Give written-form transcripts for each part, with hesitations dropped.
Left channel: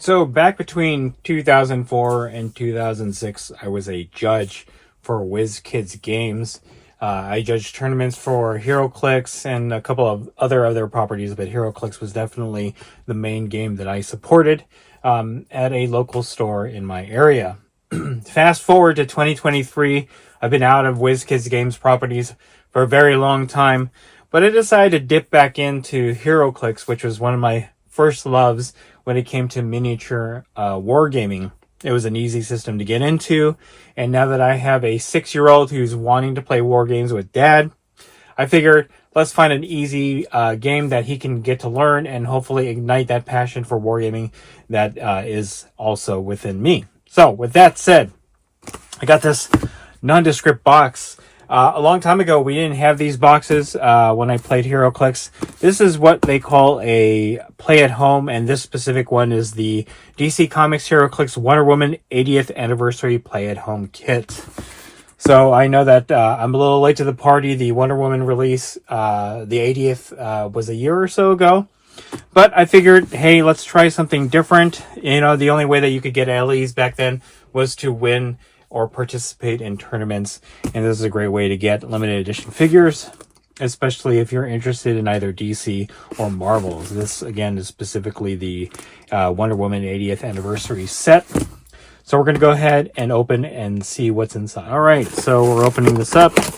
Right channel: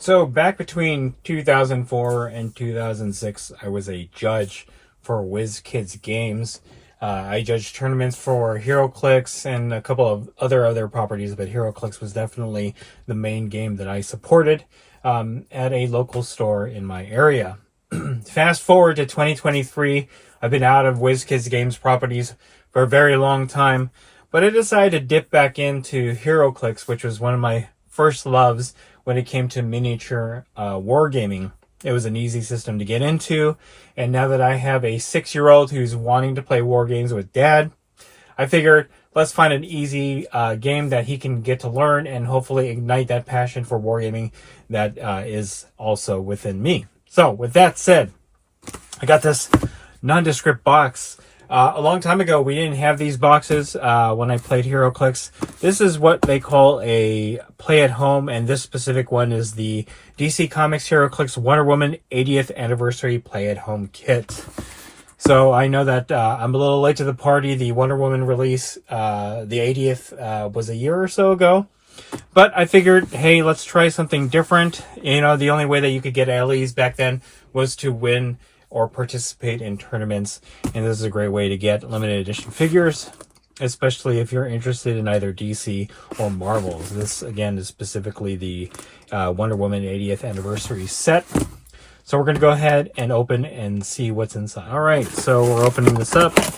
So back between 2004 and 2006, I was a judge for Wizkids Games. I judged tournaments for Heroclix and a couple of other properties, but Heroclix was definitely the main game that I supported at a local store in my area. Fast forward to 2023, I've been out of Wizkids Games properties for a very long time, but I decided to dip back into Heroclix, which was one of my first loves when it came to miniature wargaming. It was an easy system to get into, and now that I have a 6-year-old who's wanting to play war games with dad, I figured let's find an easy game that he can get to learn and hopefully ignite that passion for wargaming that is also within me. So with that said, I got this nondescript box. A long time ago, we didn't have these boxes when I played Heroclix. This is what they call a play at home, and this specific one is the DC Comics Heroclix Wonder Woman 80th Anniversary Play at Home Kit. So I know that I'm a little late to the party. The Wonder Woman release, the 80th, was a year or so ago. But I figured, hey, let's try something different. You know, the only way that you could get LEs back then was to win or participate in tournaments, and this is a great way to get limited edition figures, especially if you're interested in either DC or Marvel. This again is specifically the Wonder Woman 80th Anniversary set. So we're going to go ahead and open and see what's inside. All right, so we're opening this up. It's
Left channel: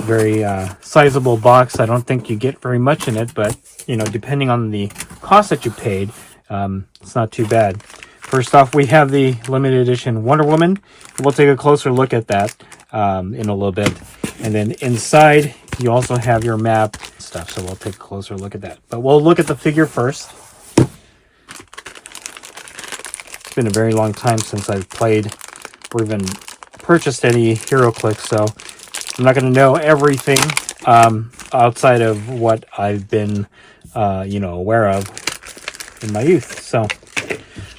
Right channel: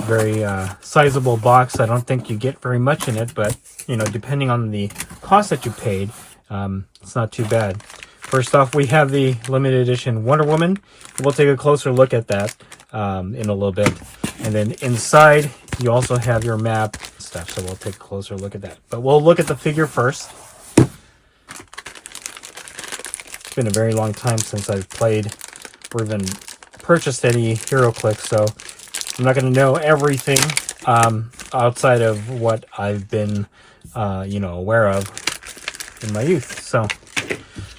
a very sizable box. I don't think you get very much in it, but you know, depending on the cost that you paid, it's not too bad. First off, we have the limited edition Wonder Woman. We'll take a closer look at that in a little bit. And then inside, you also have your map stuff, so we'll take a closer look at that. But we'll look at the figure first. It's been a very long time since I've played or even purchased any Heroclix, so I'm not going to know everything outside of what I've been, aware of in my youth. So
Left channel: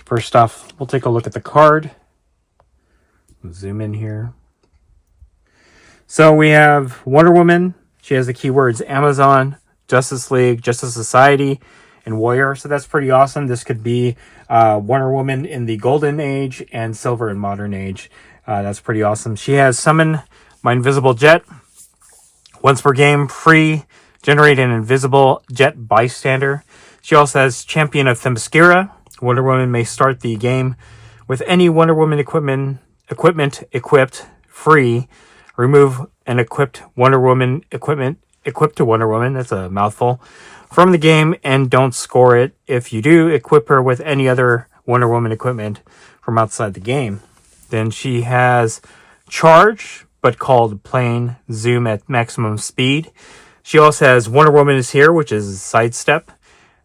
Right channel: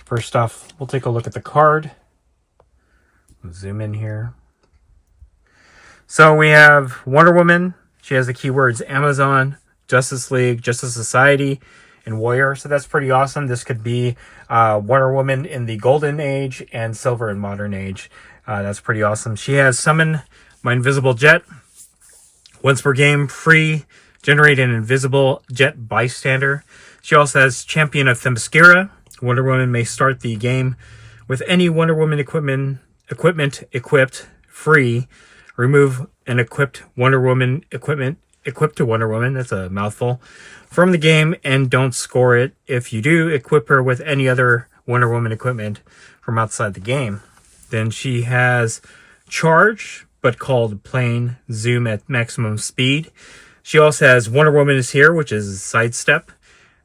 first off, we'll take a look at the card. Zoom in here. So we have Wonder Woman. She has the keywords Amazon, Justice League, Justice Society, and Warrior. So that's pretty awesome. This could be Wonder Woman in the Golden Age and Silver and Modern Age. That's pretty awesome. She has Summon My Invisible Jet. Once per game, free. Generate an Invisible Jet Bystander. She also has Champion of Themyscira. Wonder Woman may start the game with any Wonder Woman equipment equipped free. Remove an equipped Wonder Woman equipment equipped to Wonder Woman, that's a mouthful, from the game, and don't score it. If you do, equip her with any other Wonder Woman equipment from outside the game. Then she has Charge, but called plain Zoom at maximum speed. She also has Wonder Woman is Here, which is Sidestep.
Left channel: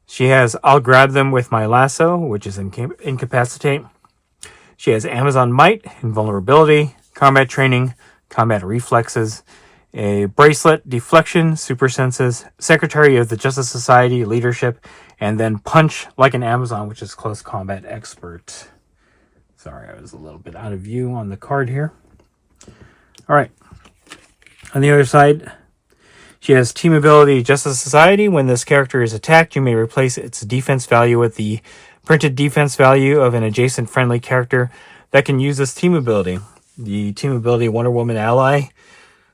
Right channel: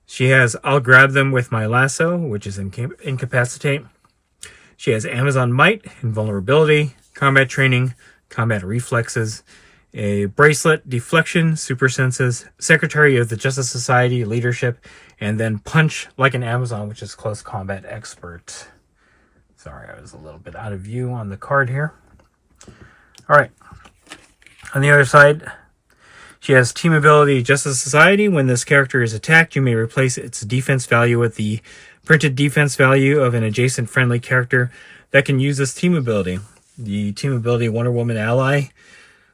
She has I'll Grab Them with My Lasso, which is Incapacitate. She has Amazon Might, Invulnerability, Combat Training, Combat Reflexes, a Bracelet, Deflection, Super Senses, Secretary of the Justice Society, Leadership, and then Punch Like an Amazon, which is Close Combat Expert. Sorry, I was a little bit out of view on the card here. All right. On the other side, she has Team Ability Justice Society. When this character is attacked, you may replace its defense value with the printed defense value of an adjacent friendly character that can use this team ability. The Team Ability Wonder Woman ally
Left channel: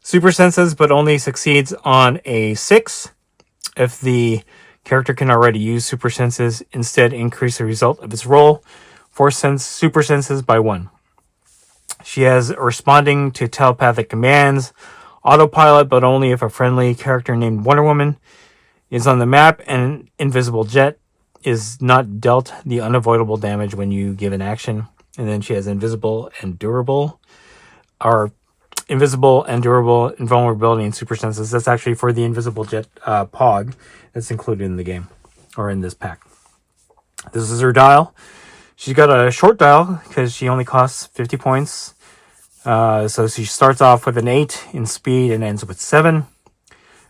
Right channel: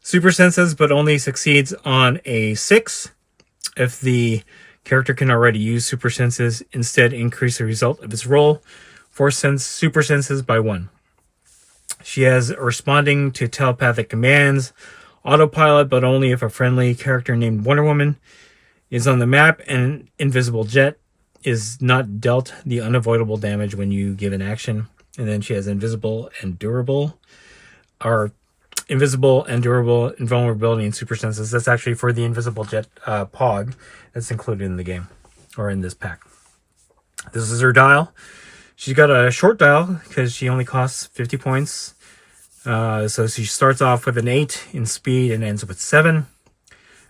super senses, but only succeeds on a 6. If the character can already use super senses, instead increase the result of its roll for super senses by 1. She has Responding to Telepathic Commands, Autopilot, but only if a friendly character named Wonder Woman is on the map and an Invisible Jet is not dealt the unavoidable damage when you give an action. And then she has Invisible and Durable, Invulnerability, and Super Senses. That's actually for the Invisible Jet POG that's included in the game, or in this pack. This is her dial. She's got a short dial because she only costs 50 points. So she starts off with an 8 in speed and ends with 7.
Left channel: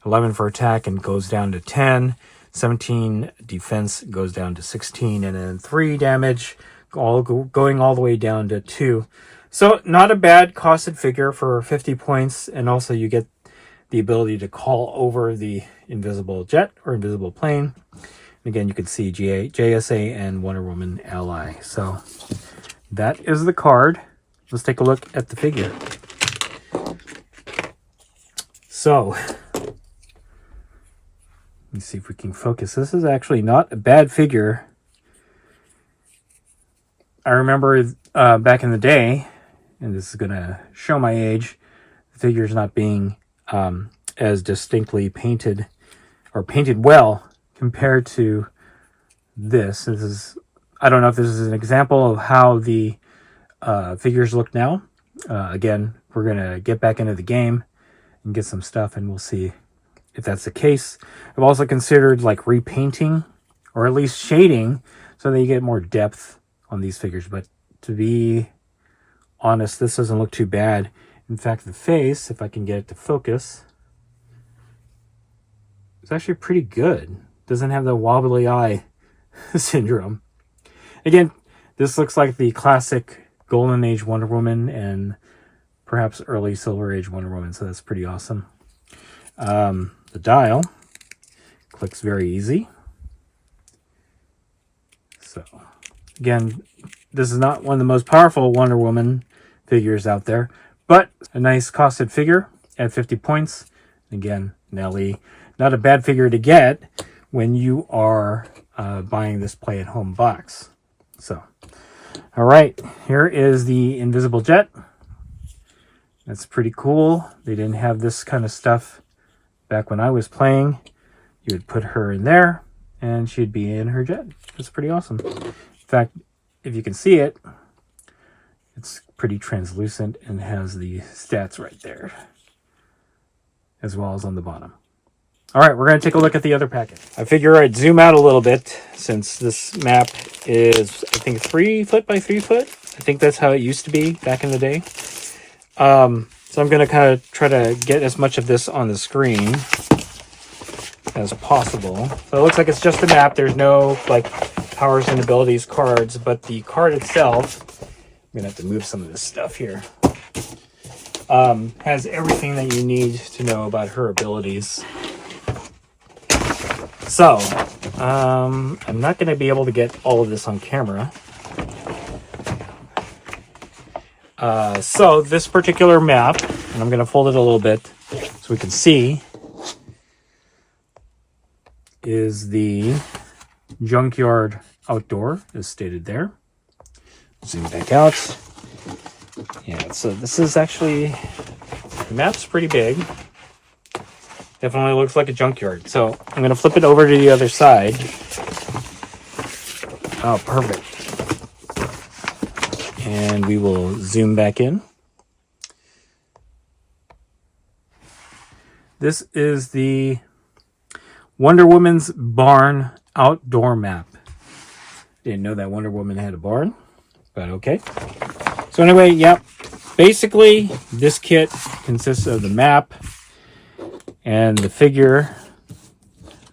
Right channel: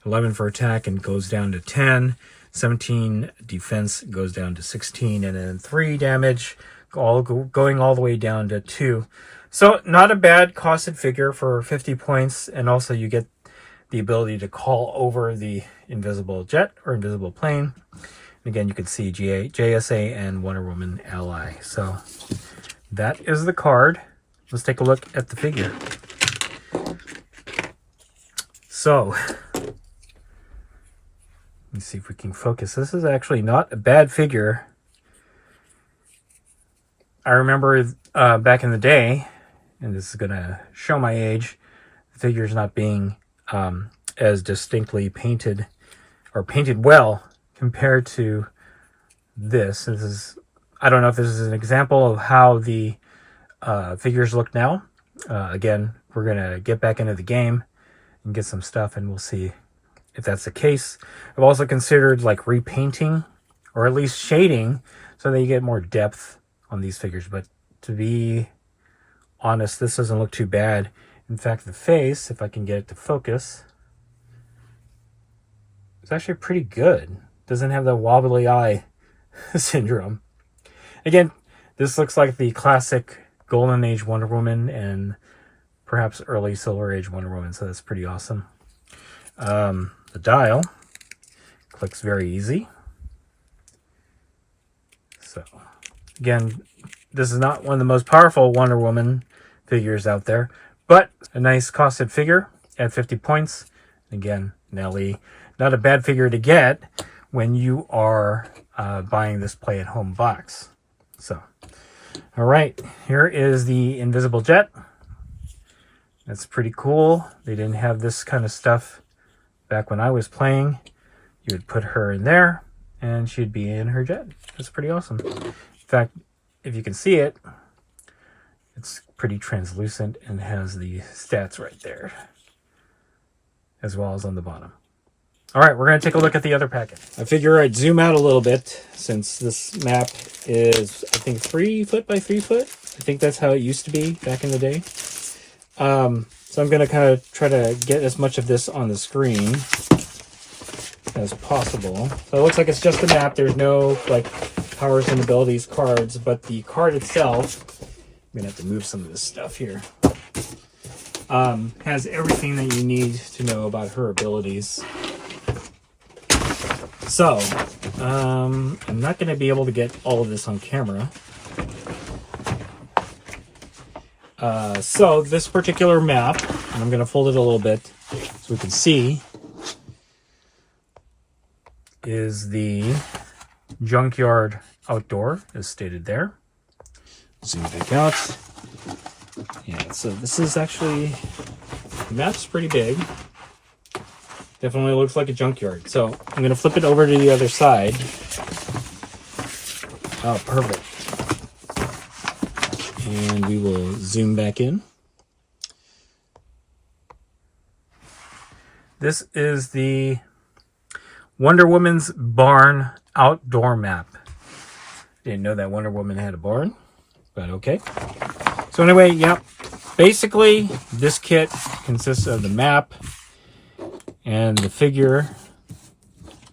11 for attack and goes down to 10. 17 defense goes down to 16. And then 3 damage going all the way down to 2. So not a bad costed figure for 50 points. And also you get the ability to call over the invisible jet or invisible plane. Again, you can see JSA and Wonder Woman Ally. So that is the card. Let's take a look at the figure. So let me see if we can focus. This is actually not a bad figure. I remember back in the day, and this is going to show my age, the figures not being as distinctly painted or painted well compared to this. This is, I don't know if this is an example of how the figures look now. Again, we're going to get back into the game and get some stuff, and we'll see if that's the case. I've also considered like repainting or at least shading so that you get more depth on these figures, but to be honest, this doesn't look too bad. In fact, the face, if I can get it to focus, it's actually pretty good. Doesn't have the wobbly eye syndrome. Again, this looks like the classic Golden Age Wonder Woman and perhaps early Silver Age Wonder Woman, so that's pretty awesome. The dial clicks very easy. So again, this is not one of the most powerful Wonder Woman figures out there, but a nice costed figure at 50 points. Again, Nelly, not a bad figure to get when you are buying this play-at-home box. So, all right, here is the Invisible Jet. That's pretty cool. They didn't have this kind of stuff back when I was playing. You would put her in there, and she'd be in her jet. That's pretty awesome. In fact, if you can see it, it's pretty translucent and has the stats right there, as well as on the bottom. All right, we're going to take a look at the other packet. I figure I'd zoom out a little bit since this map is, I think, 3 foot by 3 foot. I think that's how it used to be back in the day. So I'm going to kind of try to get as much of this on the screen as possible. So it looks like it's just a map. There's no like powers and abilities cards, but the card itself, I'm going to have to move some of this stuff here, has everything that you need to know about her abilities. So, I'm not going to be able to get all of this on camera. So this particular map, and I'm going to fold it a little bit so we can see, is the Junkyard Outdoor, as stated there. Zoom back out. Yeah, so this is actually, the map's pretty big. Definitely looks like a junkyard. So I'm going to flip it over to the other side. Oh, perfect. And we will zoom back in. This is the Wonder Woman's Barn Outdoor Map. Didn't know that Wonder Woman had a barn, but okay. So anyway, yep. Basically, this kit consists of the map and the figure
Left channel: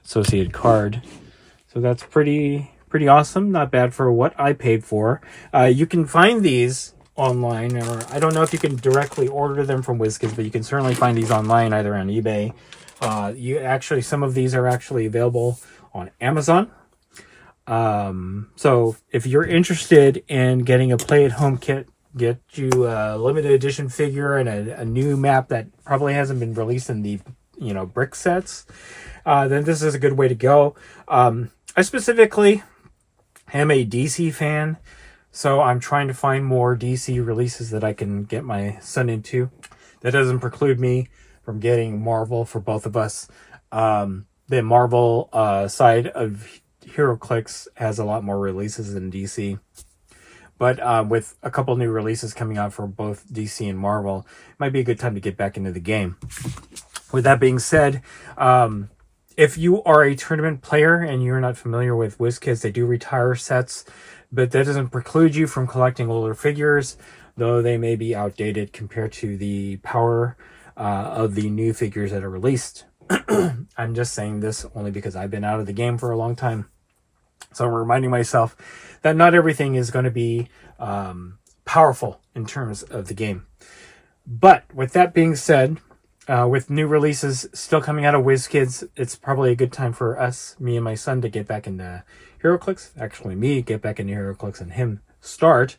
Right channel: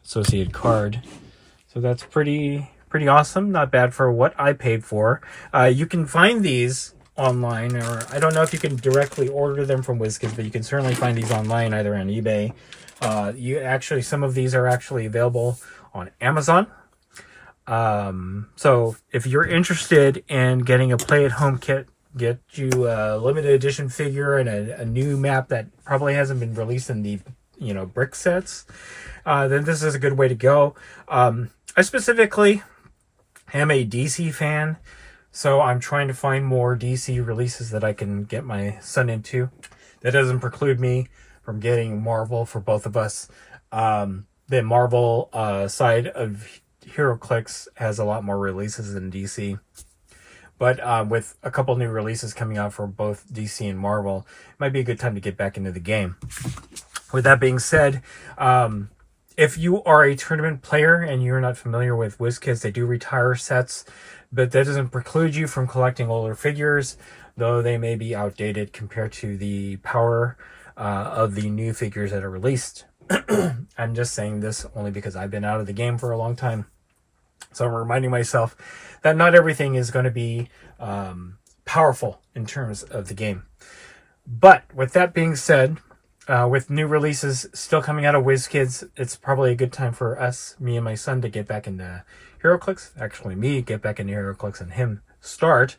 associated card. So that's pretty awesome. Not bad for what I paid for. You can find these online, or I don't know if you can directly order them from Wizkids, but you can certainly find these online either on eBay. Some of these are actually available on Amazon. So if you're interested in getting a play-at-home kit, get you a limited edition figure and a new map that probably hasn't been released in the brick sets, then this is a good way to go. I specifically am a DC fan, so I'm trying to find more DC releases that I can get my son into. That doesn't preclude me from getting Marvel for both of us. The Marvel side of Heroclix has a lot more releases than DC. But with a couple new releases coming out for both DC and Marvel, it might be a good time to get back into the game. With that being said, if you are a tournament player and you're not familiar with Wizkids, they do retire sets, but that doesn't preclude you from collecting older figures, though they may be outdated compared to the power of the new figures that are released. I'm just saying this only because I've been out of the game for a long time. So I'm reminding myself that not everything is going to be powerful in terms of the game. But with that being said, with new releases still coming out of Wizkids, it's probably a good time for us, me and my son, to get back into Heroclix. Actually, me get back into Heroclix and him start.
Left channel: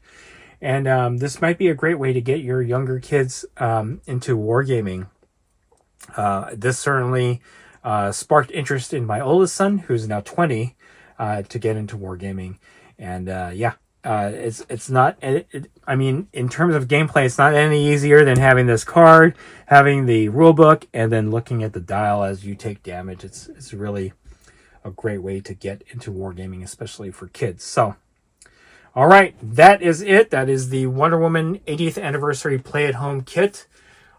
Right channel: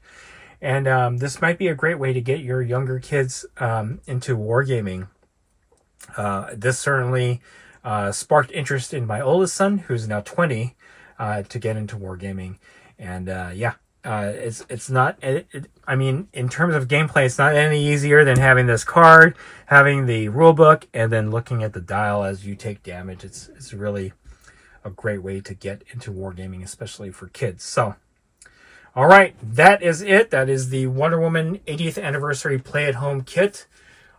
And this might be a great way to get your younger kids into wargaming. This certainly sparked interest in my oldest son, who's now 20, to get into wargaming. And yeah, it's not. I mean, in terms of gameplay, it's not any easier than having this card, having the rule book, and then looking at the dial as you take damage. It's really a great way to get into wargaming, especially for kids. So. All right, that is it. That is the Wonder Woman 80th Anniversary Play at Home Kit.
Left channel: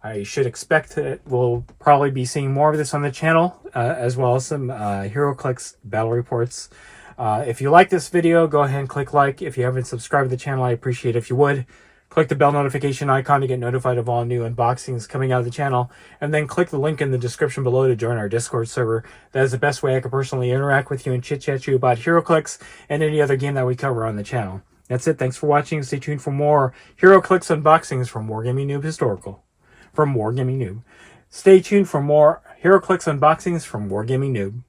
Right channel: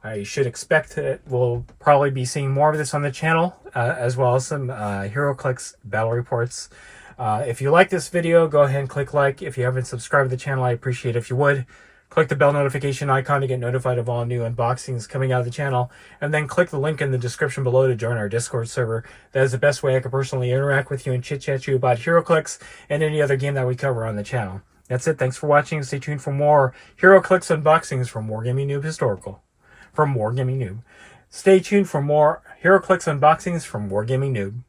I should expect that we'll probably be seeing more of this on the channel, as well as some Heroclix battle reports. If you like this video, go ahead and click like. If you haven't subscribed to the channel, I appreciate it if you would. Click the bell notification icon to get notified of all new unboxings coming out of the channel. And then click the link in the description below to join our Discord server. That is the best way I can personally interact with you and chit-chat you about Heroclix and any other game that we cover on the channel. That's it. Thanks for watching. Stay tuned for more Heroclix unboxings from Wargaming Noob Historical. From Wargaming Noob. Stay tuned for more Heroclix unboxings from Wargaming Noob.